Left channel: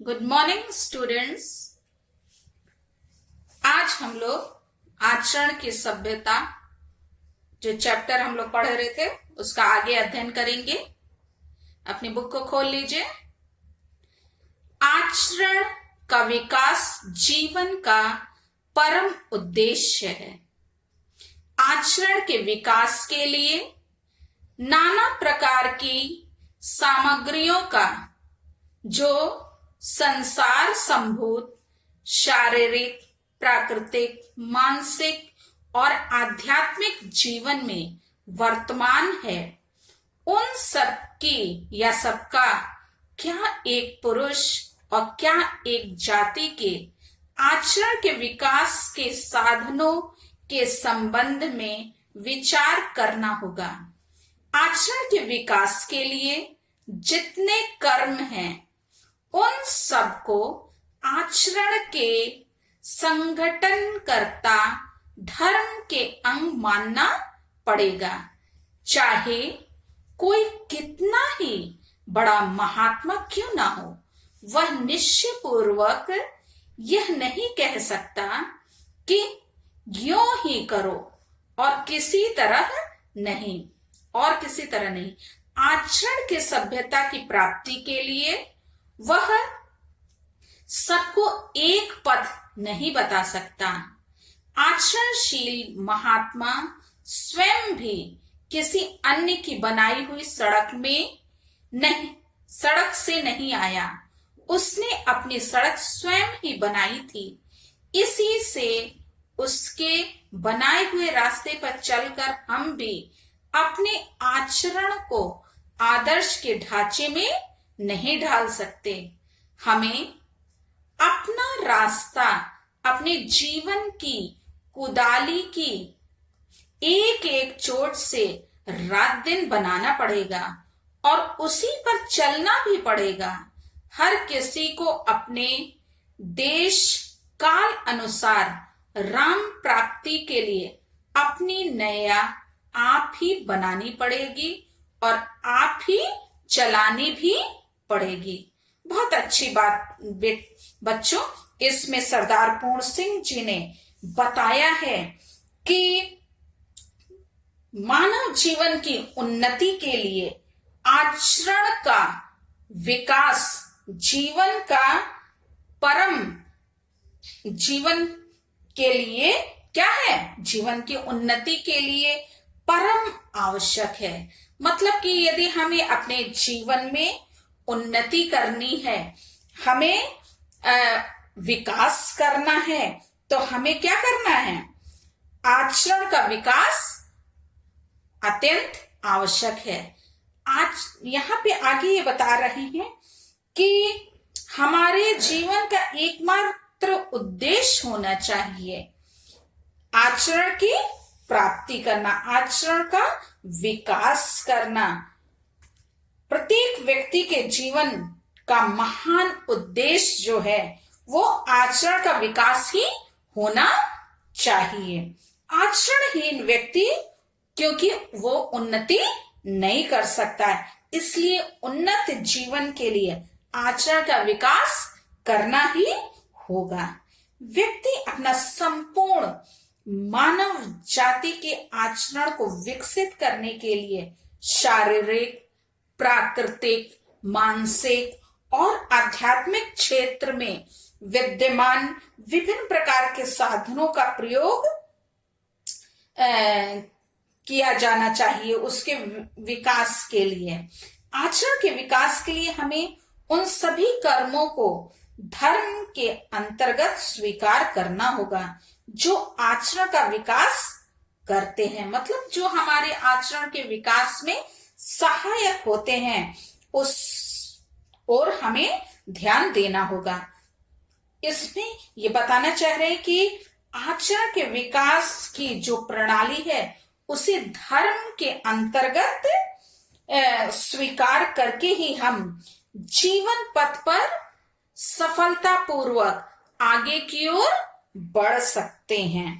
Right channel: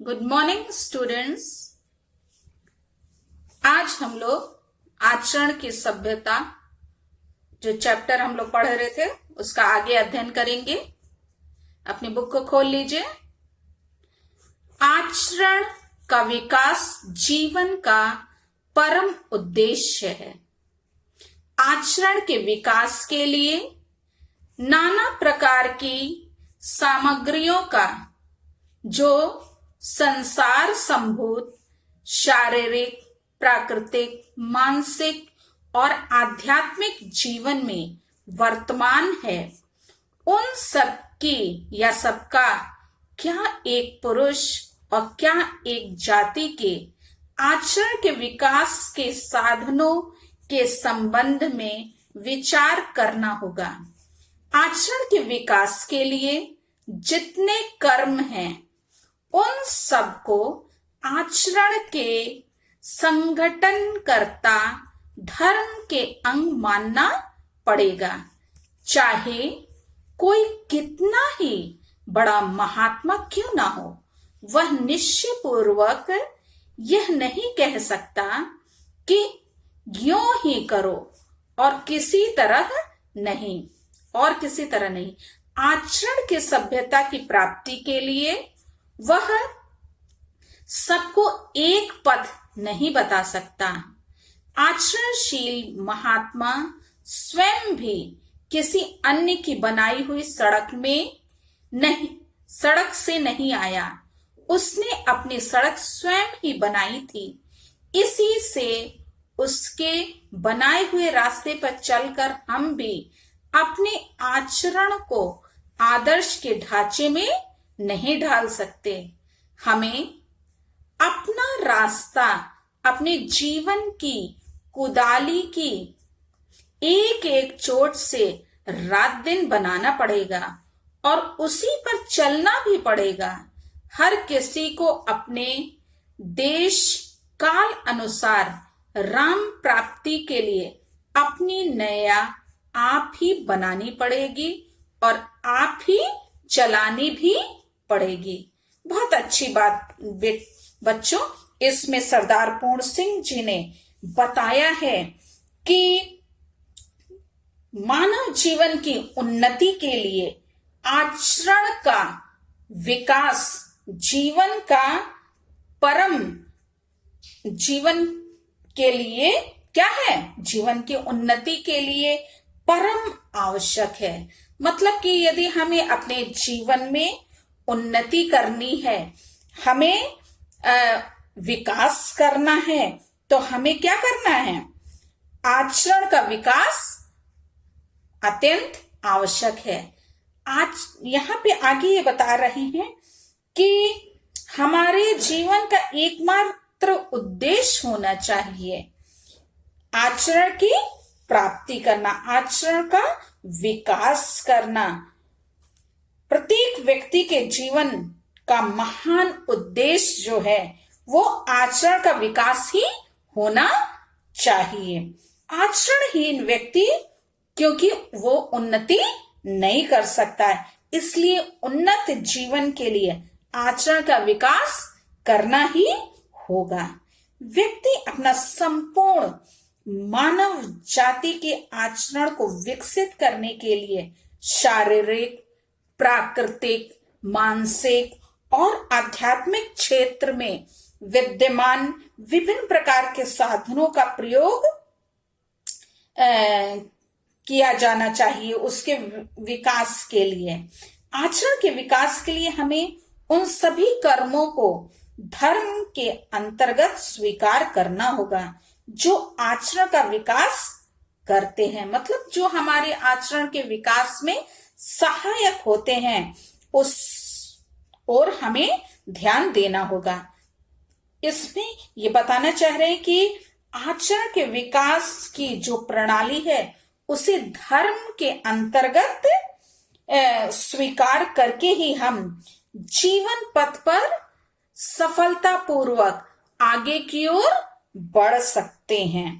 Good morning students. आज हम लोग आचरण की सभ्यता जो चैप्टर हम लोग पढ़ रहे थे उसका आगे अध्ययन करेंगे। अपनी बुक को खोल लीजिए। आचरण का विकास जीवन का परम उद्देश्य है। आचरण के विकास के लिए नाना प्रकार की सामग्रियों का जो संसार संभूत शारीरिक, प्राकृतिक, मानसिक और आध्यात्मिक जीवन में वर्तमान है, उन सब की या सबका क्या एक पुरुष और क्या एक जाति के आचरण के विकास के साधनों के संबंध में विचार करना होगा। आचरण के विकास के लिए जितने कर्म हैं उन सबको आचरण के संगठनकर्ता धर्म के अंग मानना पड़ेगा। चाहे कोई कितना ही बड़ा महात्मा क्यों ना हो, वह निश्चय पूर्वक यह नहीं कह सकता कि यूं ही करो और किसी तरह नहीं। आचरण के सभ्यता की प्राप्ति के लिए वह सबको एक पथ नहीं बता सकता। आचरणशील महात्मा स्वयं भी किसी अन्य की बनाई हुई सड़क से नहीं आया। उसने अपनी सड़क स्वयं ही बनाई थी। इसी से उसके बनाए हुए रास्ते पर चलकर हम भी अपने आचरण को आदर्श के ढांचे में नहीं ढाल सकते। हमें अपना रास्ता अपने जीवन की कुदाली की एक एक चोट से रात दिन बनाना पड़ेगा और उसी पर चलना भी पड़ेगा। हर किसी को अपने देश काल अनुसार राम प्राप्ति के लिए अपनी नया आप ही बनानी पड़ेगी और आप ही चलानी भी पड़ेगी। बहुत अच्छी बात बच्चों, इसमें सरदार पूर्ण सिंह जी ने बताया है कि मानव जीवन की उन्नति के लिए आचरण का विकास जीवन के लिए क्या है, जीवन की उन्नति के लिए परम आवश्यक है। मतलब कि यदि हमें अपने जीवन में उन्नति करनी है, हमें विकास करना है, तो हमें क्या करना है? आचरण का विकास अत्यंत आवश्यक है। आज यहाँ पे आगे ये बता रहे हैं कि हमारे जीवन का एकमात्र उद्देश्य होना चाहिए आचरण की प्राप्ति करना, आचरण का विकास करना। प्रत्येक व्यक्ति के जीवन का महान उद्देश्य जो है वो आचरण का विकास ही होना चाहिए। आचरणहीन व्यक्ति क्योंकि वो उन्नति नहीं कर सकता है, इसलिए उन्नत जीवन के लिए आचरण का विकास करना ही होगा। व्यक्ति अपना संपूर्ण मानव जाति के आचरण को विकसित करने के लिए शारीरिक, प्राकृतिक, मानसिक और आध्यात्मिक क्षेत्र में विद्यमान विभिन्न प्रकार के साधनों का प्रयोग किया जाना चाहिए उसके विकास के लिए। आचरण के विकास के लिए हमें उन सभी कर्मों को धर्म के अंतर्गत स्वीकार करना होगा जो आचरण का विकास करते हैं, मतलब जो हमारे आचरण के विकास में सहायक होते हैं, उस और हमें ध्यान देना होगा। इसमें ये बताना चाह रहे हैं कि आचरण के विकास की जो प्रणाली है उसे धर्म के अंतर्गत स्वीकार करके ही हम जीवन पथ पर सफलतापूर्वक आगे की ओर बढ़ सकते हैं।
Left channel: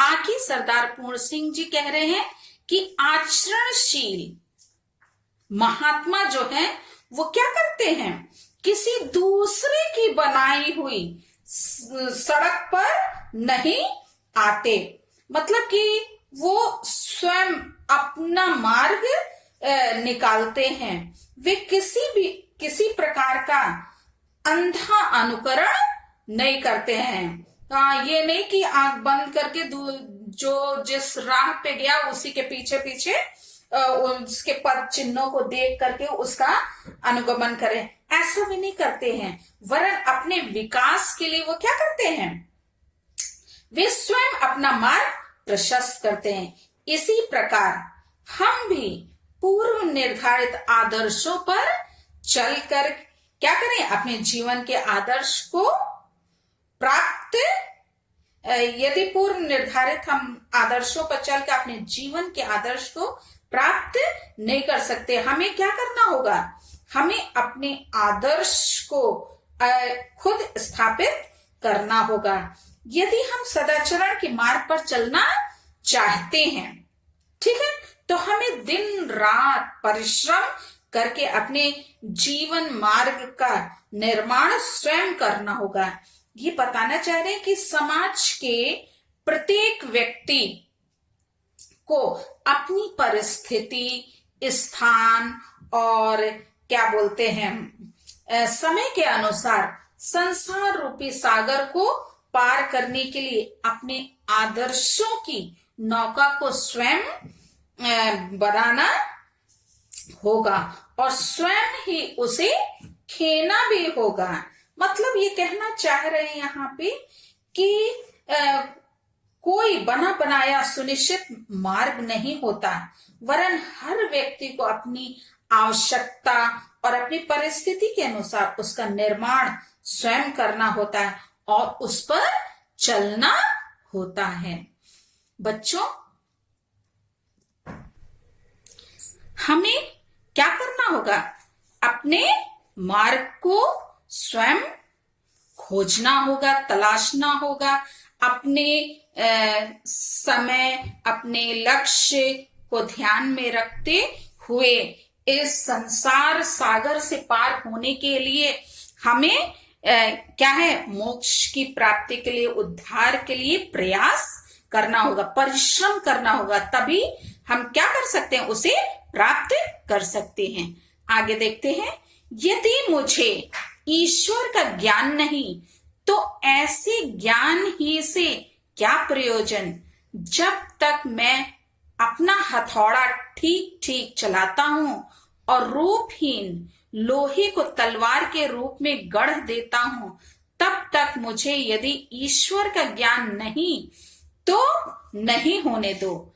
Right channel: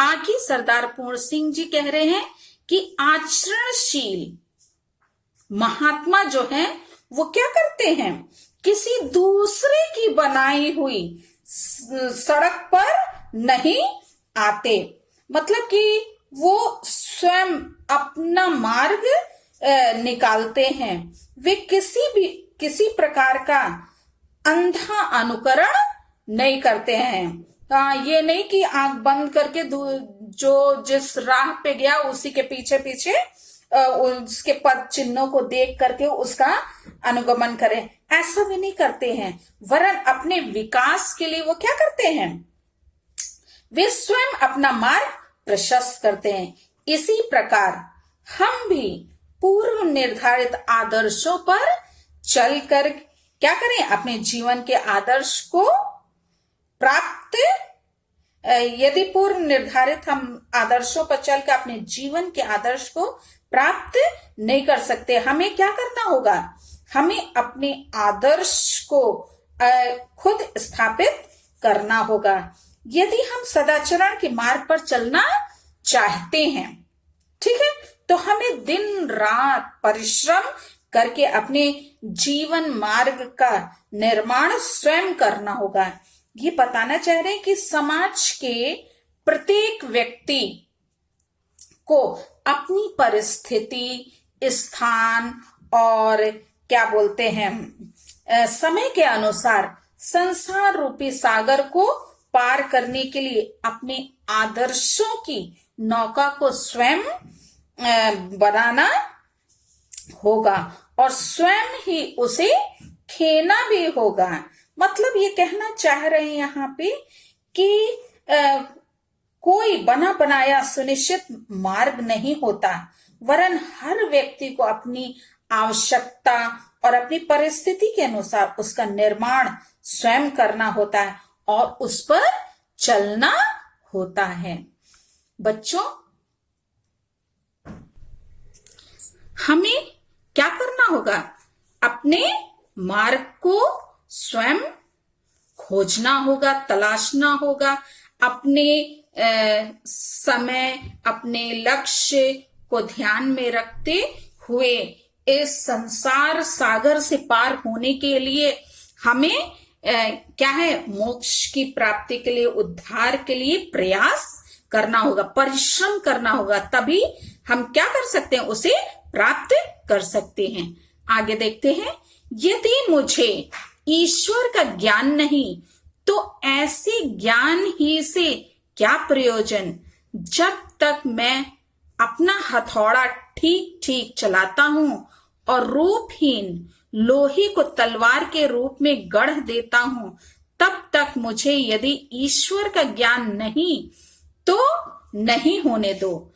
आगे सरदार पूर्ण सिंह जी कह रहे हैं कि आचरणशील महात्मा जो हैं वो क्या करते हैं, किसी दूसरे की बनाई हुई सड़क पर नहीं आते। मतलब कि वो स्वयं अपना मार्ग निकालते हैं। वे किसी प्रकार का अंधा अनुकरण नहीं करते हैं। ये नहीं कि आंख बंद करके जो जिस राह पे गया उसी के पीछे पीछे उसके पद चिन्हों को देख करके उसका अनुगमन करें, ऐसा भी नहीं करते हैं। वरन अपने विकास के लिए वो क्या करते हैं, वे स्वयं अपना मार्ग प्रशस्त करते हैं। इसी प्रकार हम भी पूर्व निर्धारित आदर्शों पर चलकर क्या करें, अपने जीवन के आदर्श को प्राप्त, यदि पूर्व निर्धारित हम आदर्शों पर चलकर अपने जीवन के आदर्श को प्राप्त नहीं कर सकते, हमें क्या करना होगा, हमें अपने आदर्श को खुद स्थापित करना होगा। यदि हम सदाचरण के मार्ग पर चलना चाहते हैं, ठीक है, तो हमें दिन रात परिश्रम करके अपने जीवन मार्ग का निर्माण स्वयं करना होगा। ये बताना चाह रहे हैं कि समाज के प्रत्येक व्यक्ति को अपनी परिस्थिति, स्थान और क्या बोलते हैं समय के अनुसार संसार रूपी सागर को पार करने के लिए अपने आदर्शों की नौका को स्वयं बनाना होगा और स्वयं ही उसे खेना भी होगा। मतलब ये कहना चाह रहे हैं यहाँ पे कि कोई बना बनाया सुनिश्चित मार्ग नहीं होता, वरन हर व्यक्ति को अपनी आवश्यकता और अपनी परिस्थिति के अनुसार उसका निर्माण स्वयं करना होता है और उस पर चलना होता है। बच्चों, हमें क्या करना होगा, अपने मार्ग को स्वयं खोजना होगा, तलाशना होगा। अपने समय, अपने लक्ष्य को ध्यान में रखते हुए इस संसार सागर से पार होने के लिए हमें क्या है, मोक्ष की प्राप्ति के लिए, उद्धार के लिए प्रयास करना होगा, परिश्रम करना होगा। तभी हम क्या कर सकते हैं, उसे प्राप्त कर सकते हैं। आगे देखते हैं, यदि मुझे ईश्वर का ज्ञान नहीं तो ऐसे ज्ञान ही से क्या प्रयोजन, जब तक मैं अपना हथौड़ा ठीक ठीक चलाता हूं और रूपहीन लोहे को तलवार के रूप में गढ़ देता हूं, तब तक मुझे यदि ईश्वर का ज्ञान नहीं तो नहीं होने दो।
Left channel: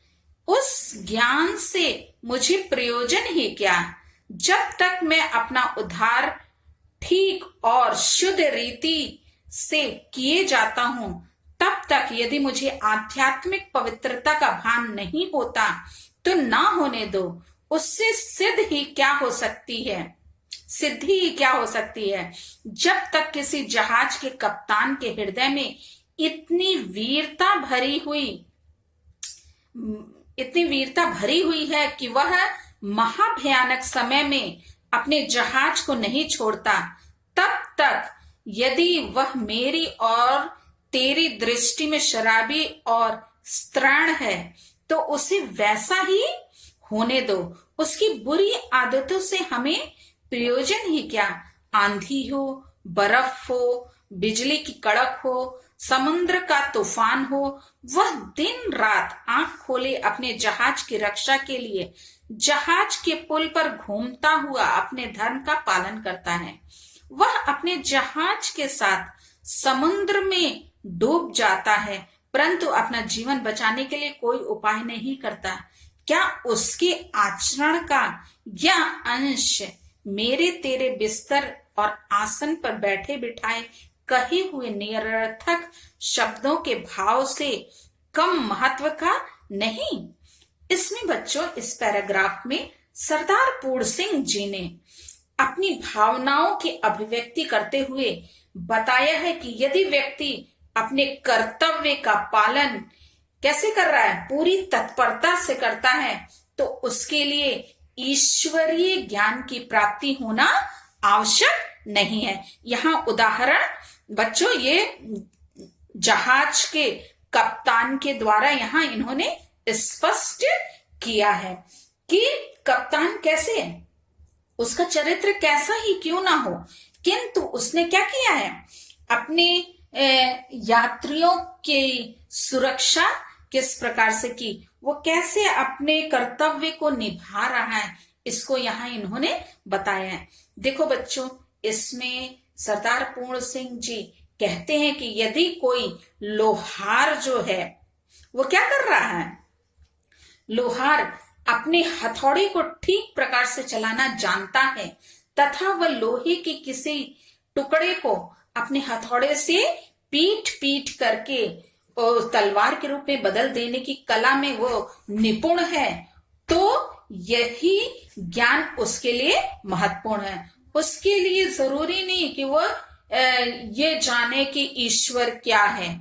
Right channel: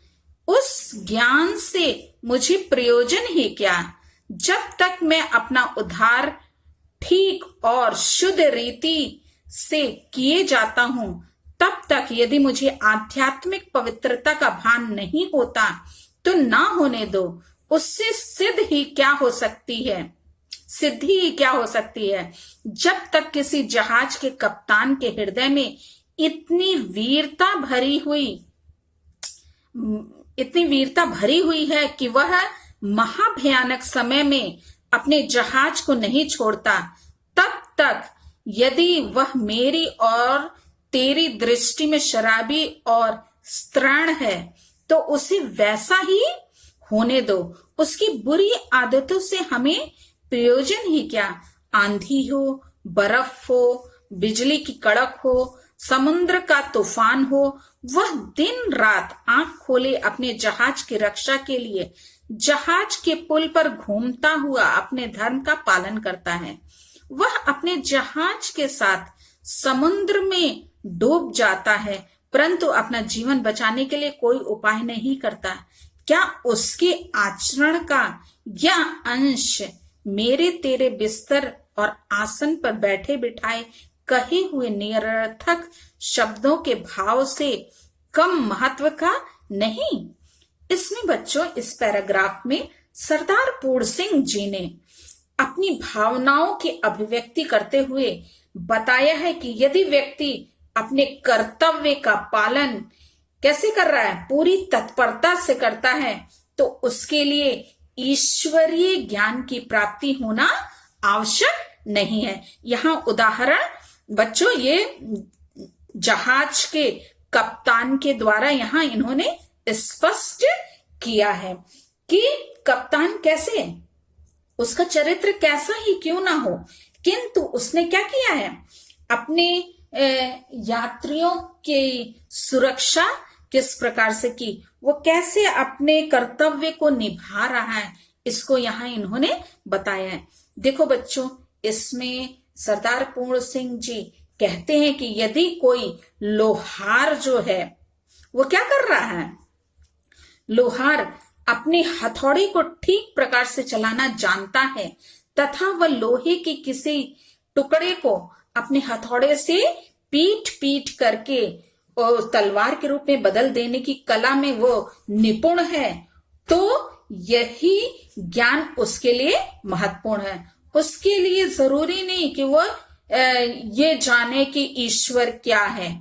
उस ज्ञान से मुझे प्रयोजन ही क्या, जब तक मैं अपना उद्धार ठीक और शुद्ध रीति से किए जाता हूं, तब तक यदि मुझे आध्यात्मिक पवित्रता का भान नहीं होता तो ना होने दो। उससे सिद्धि ही क्या हो सकती है, जब तक किसी जहाज के कप्तान के हृदय में इतनी वीरता भरी हुई है कि वह महाभयानक समय में अपने जहाज को नहीं छोड़ता, तब तक यदि वह मेरी और तेरी दृष्टि में शराबी और स्त्रीण है तो उसे वैसा ही होने दो। उसकी बुरी आदतों से हमें प्रयोजन ही क्या, आंधी हो, बर्फ हो, बिजली की कड़क हो, समुद्र का तूफान हो, वह दिन रात आंख खोले अपने जहाज की रक्षा के लिए जहाज के पुल पर घूमता हुआ अपने धर्म का पालन करता है। वह अपने जहाज के साथ समुद्र में डूब जाता है, परंतु अपना जीवन बचाने के लिए कोई उपाय नहीं करता। क्या उसके आचरण का यह अंश मेरे तेरे बिस्तर और आसन पर बैठे बिठाए कहे हुए निरर्थक शब्दों के भाव से कम महत्व का नहीं? इसमें बच्चों, इस पैराग्राफ में सरदार पूर्ण सिंह जी ने अपनी भावनाओं की अभिव्यक्ति करते हुए बताया है कि यदि व्यक्ति अपने कर्तव्य का पालन कैसे कर रहा है, पूरी तत्परता से करता है, तो उसके लिए ईश्वरीय ज्ञान की प्राप्ति होना आवश्यक नहीं है। यहाँ उदाहरण बच्चों ये जहाज के कप्तान के द्वारा यहाँ इन्होंने स्पष्ट किया है कि कप्तान कैसे, उसका चरित्र कैसा ही क्यों ना हो, किंतु उसने क्या किया है, अपने यात्रियों की सुरक्षा किस प्रकार से की, वो कैसे अपने कर्तव्य को निभा रहा है, इसको यहाँ इन्होंने बताया है। देखो बच्चों, इसमें सरदार पूर्ण सिंह जी कहते हैं कि यदि कोई लोहार जो है वो क्या कर रहा है, लोहार अपने हथौड़े को ठीक प्रकार से चलाना जानता है तथा वह लोहे के किसी टुकड़े को अपने हथौड़े से पीट पीट करके तलवार के रूप में बदल देने की कला में वो निपुण है, तो यही ज्ञान उसके लिए महत्वपूर्ण है। उसके लिए जरूरी नहीं कि वो ये जाने कि ईश्वर क्या है,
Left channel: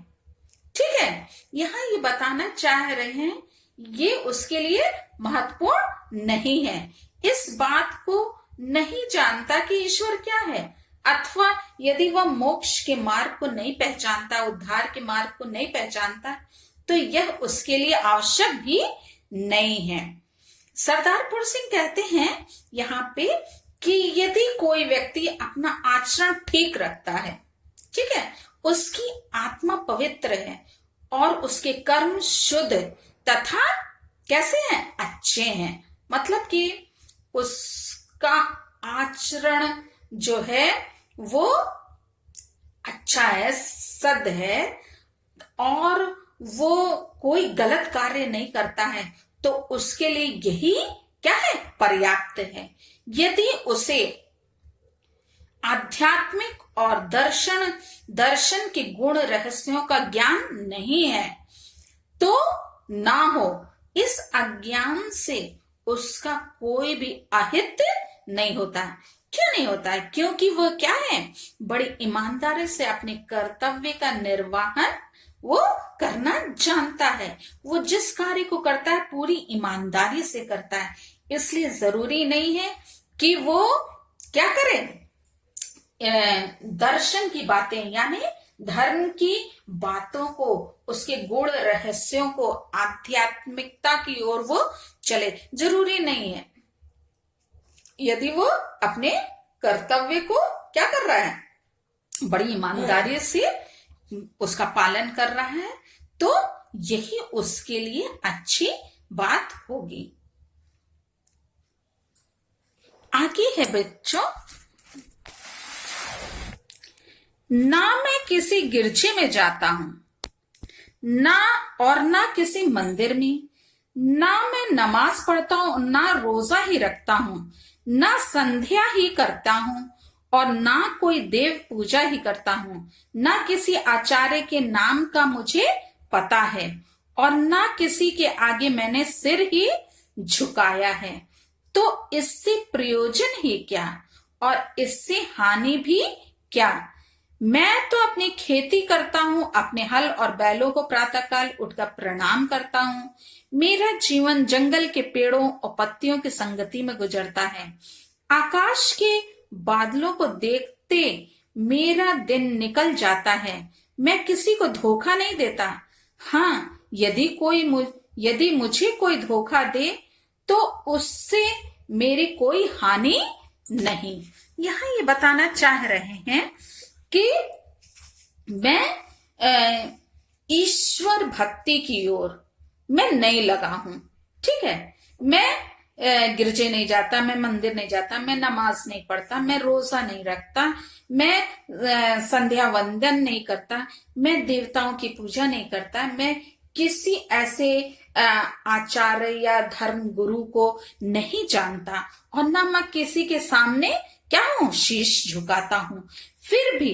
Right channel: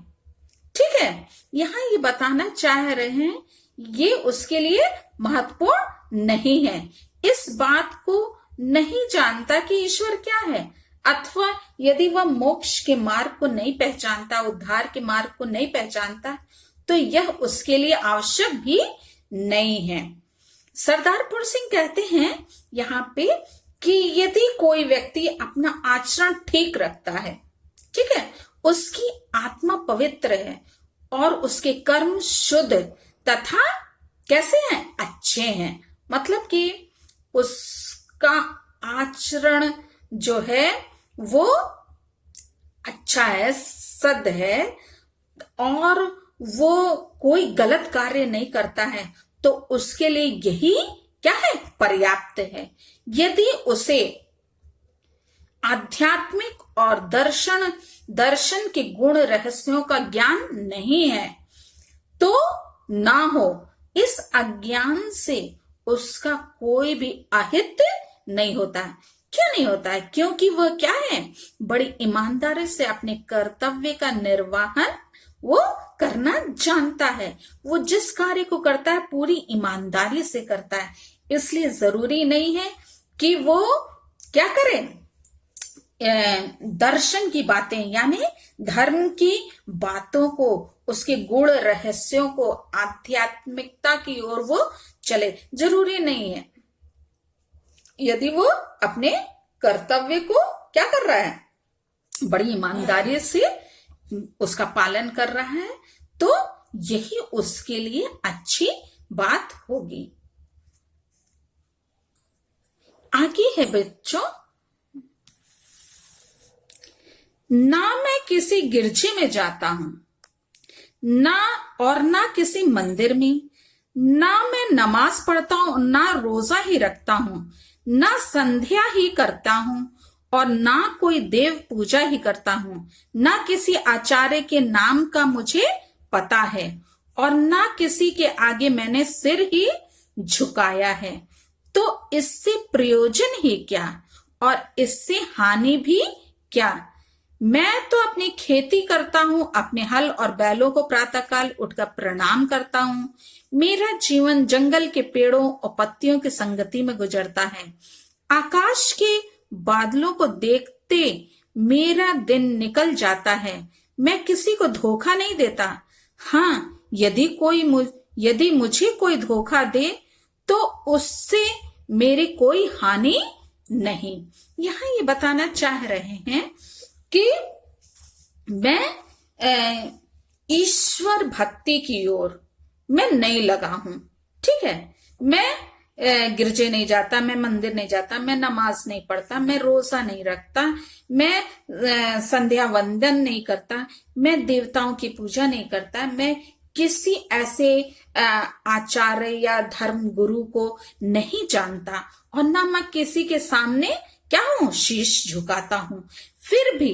ठीक है। यहाँ ये बताना चाह रहे हैं ये उसके लिए महत्वपूर्ण नहीं है। इस बात को नहीं जानता कि ईश्वर क्या है, अथवा यदि वह मोक्ष के मार्ग को नहीं पहचानता, उद्धार के मार्ग को नहीं पहचानता, तो यह उसके लिए आवश्यक भी नहीं है। सरदार पूर्ण सिंह कहते हैं यहाँ पे कि यदि कोई व्यक्ति अपना आचरण ठीक रखता है, ठीक है, उसकी आत्मा पवित्र है और उसके कर्म शुद्ध तथा कैसे हैं, अच्छे हैं, मतलब कि उसका आचरण जो है वो अच्छा है, सद है, और वो कोई गलत कार्य नहीं करता है, तो उसके लिए यही क्या है, पर्याप्त है। यदि उसे आध्यात्मिक और दर्शन के गुण रहस्यों का ज्ञान नहीं है तो ना हो, इस अज्ञान से उसका कोई भी अहित नहीं होता है। क्यों नहीं होता है? क्योंकि वह क्या है, बड़ी ईमानदारी से अपने कर्तव्य का निर्वहन वो करना जानता है। वो जिस कार्य को करता है पूरी ईमानदारी से करता है, इसलिए जरूरी नहीं है कि वो क्या करे, दर्शन की बातें यानी धर्म की बातों को, उसके गुण रहस्यों को, आध्यात्मिकता की ओर वो चले, जरूरी नहीं है। यदि वो अपने कर्तव्य को क्या कर रहा है, बड़ी ईमानदारी से उसका पालन कर रहा है, तो यही उसके लिए अच्छी बात होगी। आगे है बच्चों, ना मैं किसी गिरजे में जाता हूं, ना किसी मंदिर में, ना मैं नमाज पढ़ता हूं, ना रोजा ही रखता हूं, ना संध्या ही करता हूं, और ना कोई देव पूजा ही करता हूं, ना किसी आचार्य के नाम का मुझे पता है, और ना किसी के आगे मैंने सिर ही झुकाया है, तो इससे प्रयोजन ही क्या और इससे हानि भी क्या। मैं तो अपनी खेती करता हूं, अपने हल और बैलों को प्रातःकाल उठकर प्रणाम करता हूं। मेरा जीवन जंगल के पेड़ों और पत्तियों की संगति में गुजरता है। आकाश के बादलों को देखते मेरा दिन निकल जाता है। मैं किसी को धोखा नहीं देता। हाँ, यदि मुझे कोई धोखा दे तो उससे मेरी कोई हानि नहीं। यहाँ ये बताना चाह रहे हैं कि मैं ईश्वर भक्ति की ओर मैं नहीं लगा हूं, ठीक है। मैं गिरजे नहीं जाता, मैं मंदिर नहीं जाता, मैं नमाज नहीं पढ़ता, मैं रोजा नहीं रखता, मैं संध्या वंदन नहीं करता, मैं देवताओं की पूजा नहीं करता, मैं किसी ऐसे आचार्य या धर्म गुरु को नहीं जानता, और ना मैं किसी के सामने क्या हूं, शीश झुकाता हूं। फिर भी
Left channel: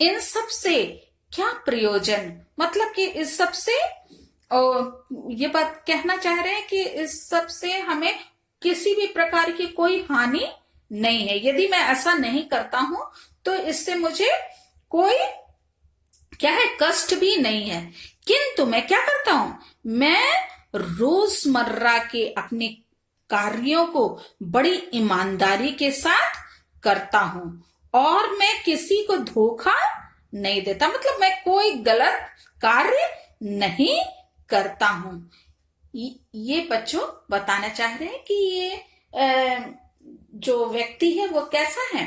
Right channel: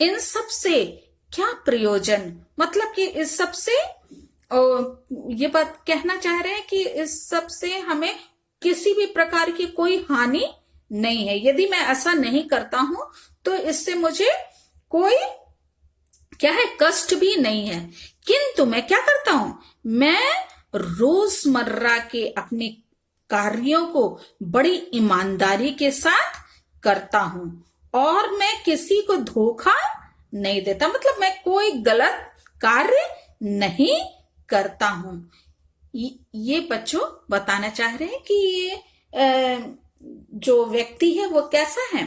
इन सब से क्या प्रयोजन, मतलब कि इस सब से ये बात कहना चाह रहे हैं कि इस सब से हमें किसी भी प्रकार की कोई हानि नहीं है। यदि मैं ऐसा नहीं करता हूं तो इससे मुझे कोई क्या है, कष्ट भी नहीं है। किंतु मैं क्या करता हूं, मैं रोजमर्रा के अपने कार्यों को बड़ी ईमानदारी के साथ करता हूं और मैं किसी को धोखा नहीं देता, मतलब मैं कोई गलत कार्य नहीं करता हूं। ये बच्चों बताना चाह रहे हैं कि ये जो व्यक्ति है वो कैसा है,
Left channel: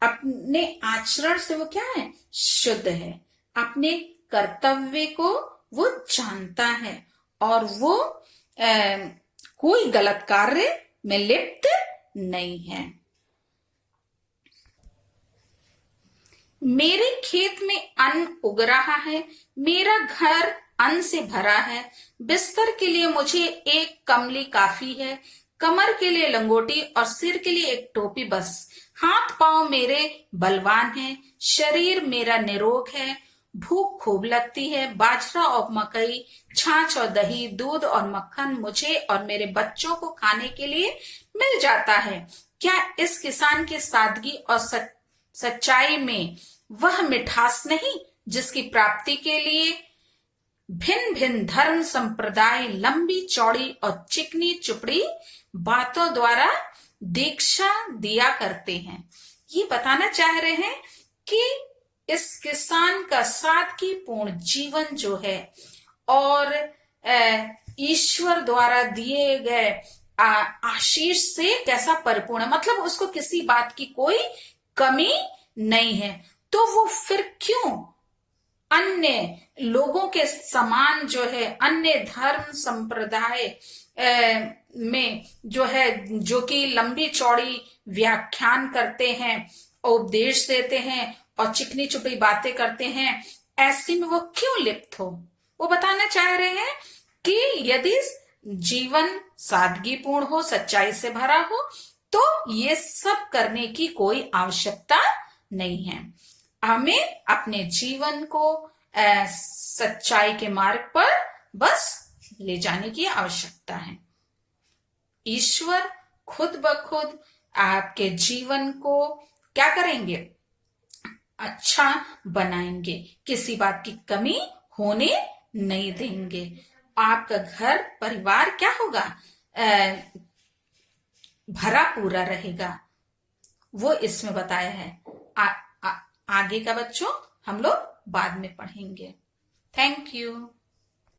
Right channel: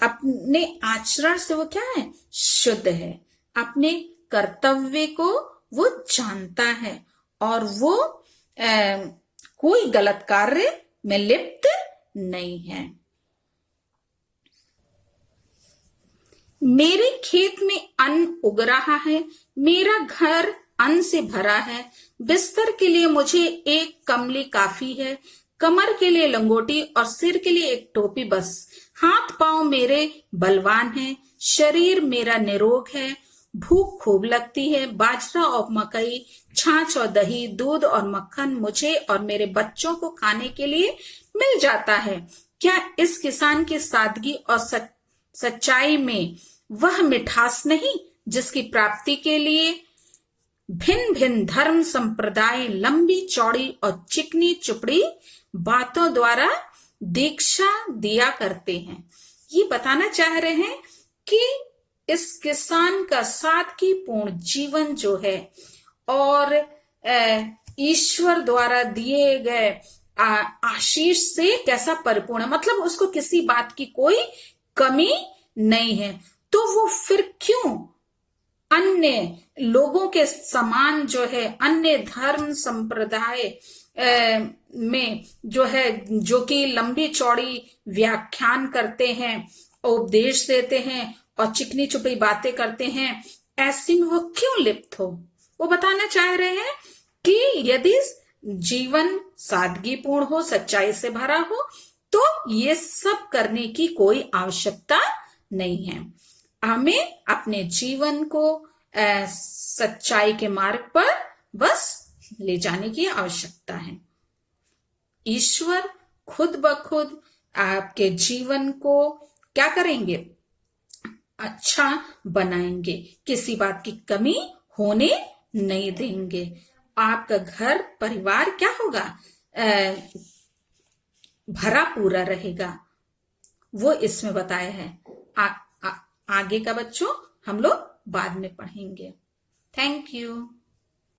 अपने आचरण से वो क्या है, शुद्ध है, अपने कर्तव्य को वो जानता है और वो कोई गलत कार्य में लिप्त नहीं है। मेरे खेत में अन्न उग रहा है, मेरा घर अन्न से भरा है, बिस्तर के लिए मुझे एक कमली काफी है, कमर के लिए लंगोटी और सिर के लिए एक टोपी बस। हाथ पांव मेरे बलवान हैं, शरीर मेरा निरोग है, भूख खूब लगती है, बाजरा और मकई, छाछ और दही, दूध और मक्खन मुझे और मेरे बच्चों को खाने के लिए मिल जाता है। क्या इस किसान की सादगी और सच्चाई में वह मिठास नहीं जिसकी प्राप्ति के लिए भिन्न भिन्न धर्म संप्रदाय लंबी चौड़ी और चिकनी चुपड़ी बातों द्वारा दीक्षा दिया करते हैं। ये बताना चाह रहे हैं कि इस किसान का सादगीपूर्ण जीवन जो है और ईश्वर द्वारा दिए गए आशीष से कैसा परिपूर्ण है, मतलब उसको किसी बात की कोई कमी नहीं है। तो वो फिर क्यों अन्य लोगों के समान जो है, अन्य धर्म संप्रदाय में जो है, जो कि लंबी चौड़ी व्याख्यान करते हैं, उपदेश देते हैं और चिकनी चुपड़ी बातें करते हैं, ऐसी में वो क्यों लिप्त हो। वो बताना चाह रहे हैं कि यदि जीवन सादगीपूर्ण हो, सच्चाई से भरा हो, तो ये सब करने की कोई आवश्यकता नहीं है। हमें अपने जीवन को सच्चाई के मार्ग पर बस ले जाने की आवश्यकता है। ईश्वर खुद ब खुद आपके जीवन को क्या करेंगे, अच्छा बनाएंगे, किसी बात की कमी होने नहीं देंगे। आपका घर परिवार क्या होगा, भरा पूरा रहेगा, वो इसमें बताया है। आगे का बच्चों हम लोग बाद में पढ़ेंगे। Thank you.